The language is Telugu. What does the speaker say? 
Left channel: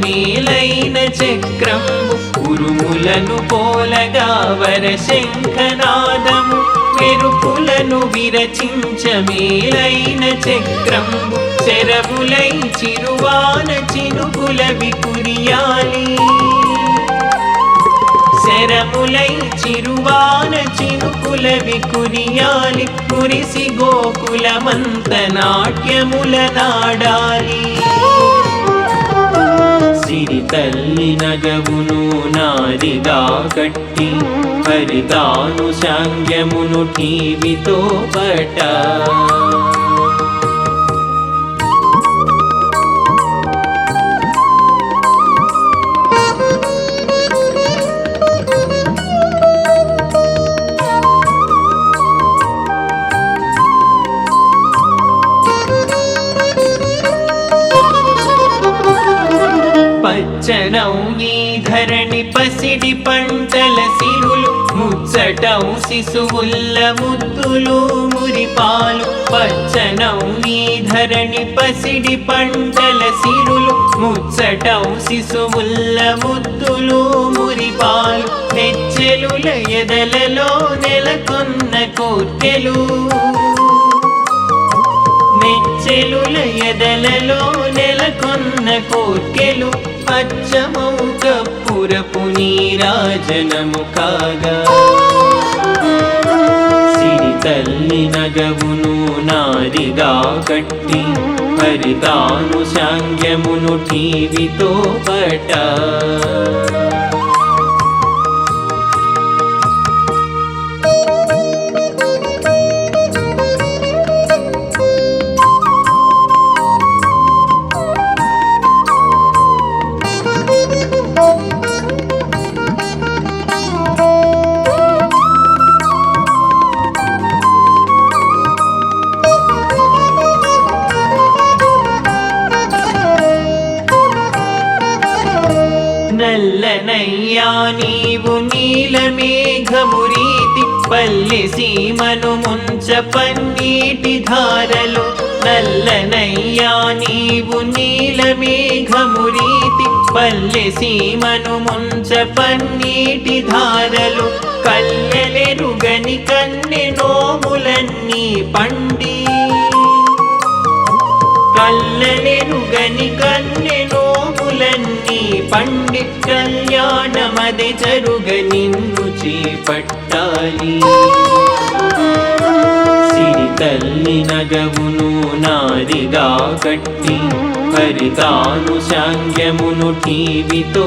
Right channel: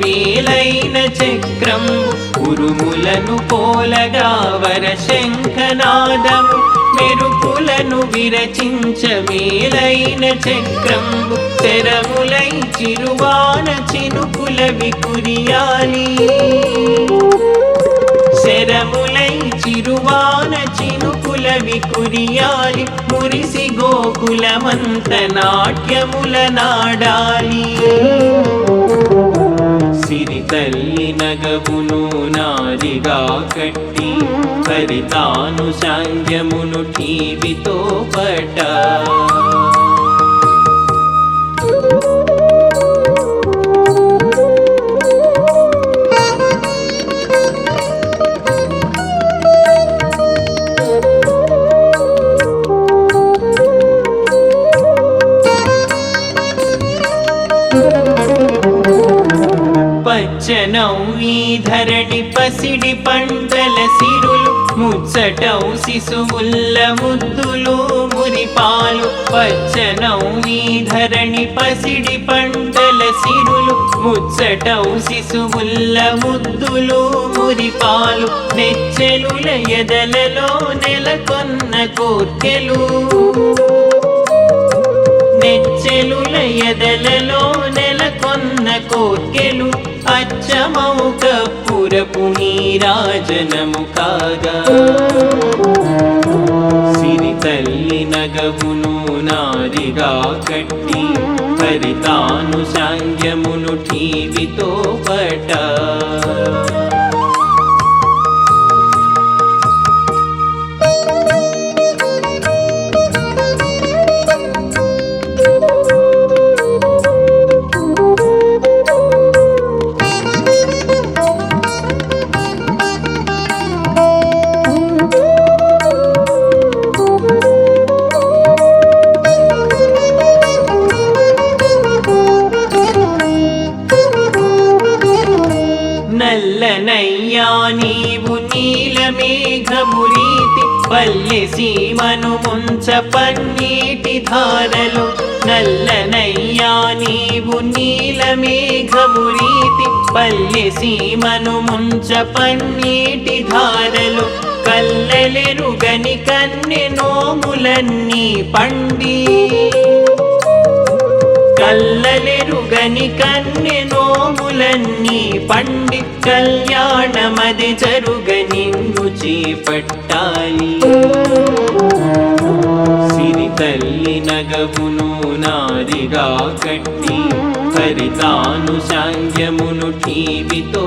మేలైన చక్రం ఉరుములను పోలగా వరశంఖనాదము మెరుపులను విరచించ మేలైన చక్రం శరములై చిరువాన చినుకులవి కురియాలి శరములై చిరువాన చినుకులవి కురియాలి కురిసి గోకులమంత నాట్యముల నాడాలి సిరి తల్లి నగవును నారిగా కట్టి పరితాను సాంగ్యమును టీవితో పట పచ్చనౌ ఈ ధరణి పసిడి పంటల సిరులు ముచ్చటౌ శిశువుల్ల ముద్దులు మురిపాలు పచ్చనౌ ఈ ధరణి పసిడి పంటల సిరులు ముచ్చటౌ శిశువుల్ల ముద్దులు మురిపాలు నెచ్చెలుల ఎదలలో నెలకొన్న కోర్కెలు నెచ్చెలుల ఎదలలో నెలకొన్న కోర్కెలు అచ్చమౌ కప్పురపు నీరాజనము కాగా సిరి తల్లి నగవును నారిగా కట్టి పరితాను సాంగ్యమును టీవితో పట నల్లనయ్యా నీవు నీలమేఘమురీతి పల్లె సీమను ముంచ పన్నీటి ధారలు నల్లనయ్యా నీవు నీలమేఘమురీతి పల్లె సీమను ముంచ పన్నీటి ధారలు కల్లెలెరుగని కన్నె నోములన్నీ పండి కల్లెలెరుగని కన్నె నోములన్నీ పండి కళ్యాణమది జరుగ నిన్ను చేపట్టాలి సిరి తల్లి నగవును నారిగా కట్టి పరితాను సాంగ్యమును టీవితో